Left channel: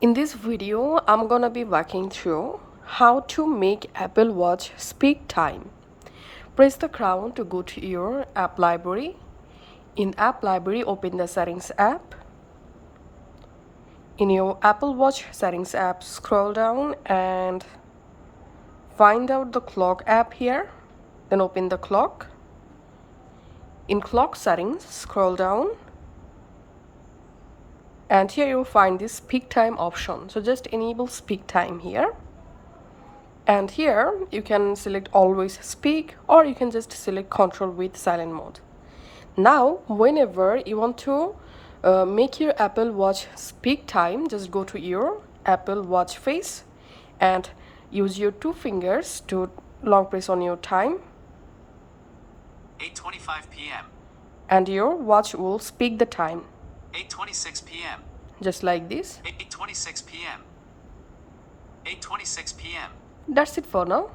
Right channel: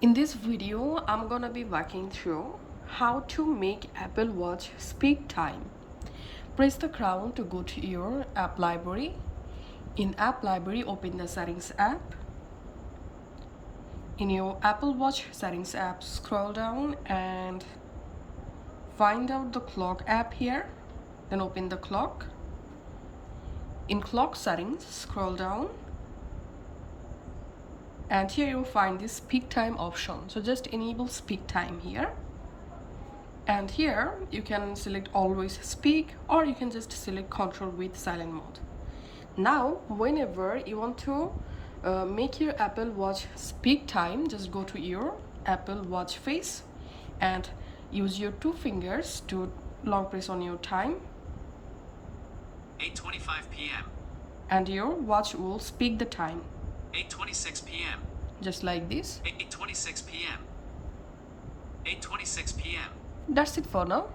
In this video, I'm gonna be walking through how to make Apple Watch speak time. Press the crown to go to your app library. In app library, open the settings app. In your Apple Watch settings app, scroll down and find out the clock app here. Then open the clock. In clock settings, scroll down. And here you'll find this speak time option. So just enable speak time here. And here you can select always speak, or you can just select control with silent mode. Now whenever you want to make your Apple Watch speak time, just go to your Apple Watch face and use your two fingers to long press on your time, 8:25 p.m. and your watch will speak the time 8:26 p.m. just like this. 8:26 p.m. 8:26 p.m. That's it for now.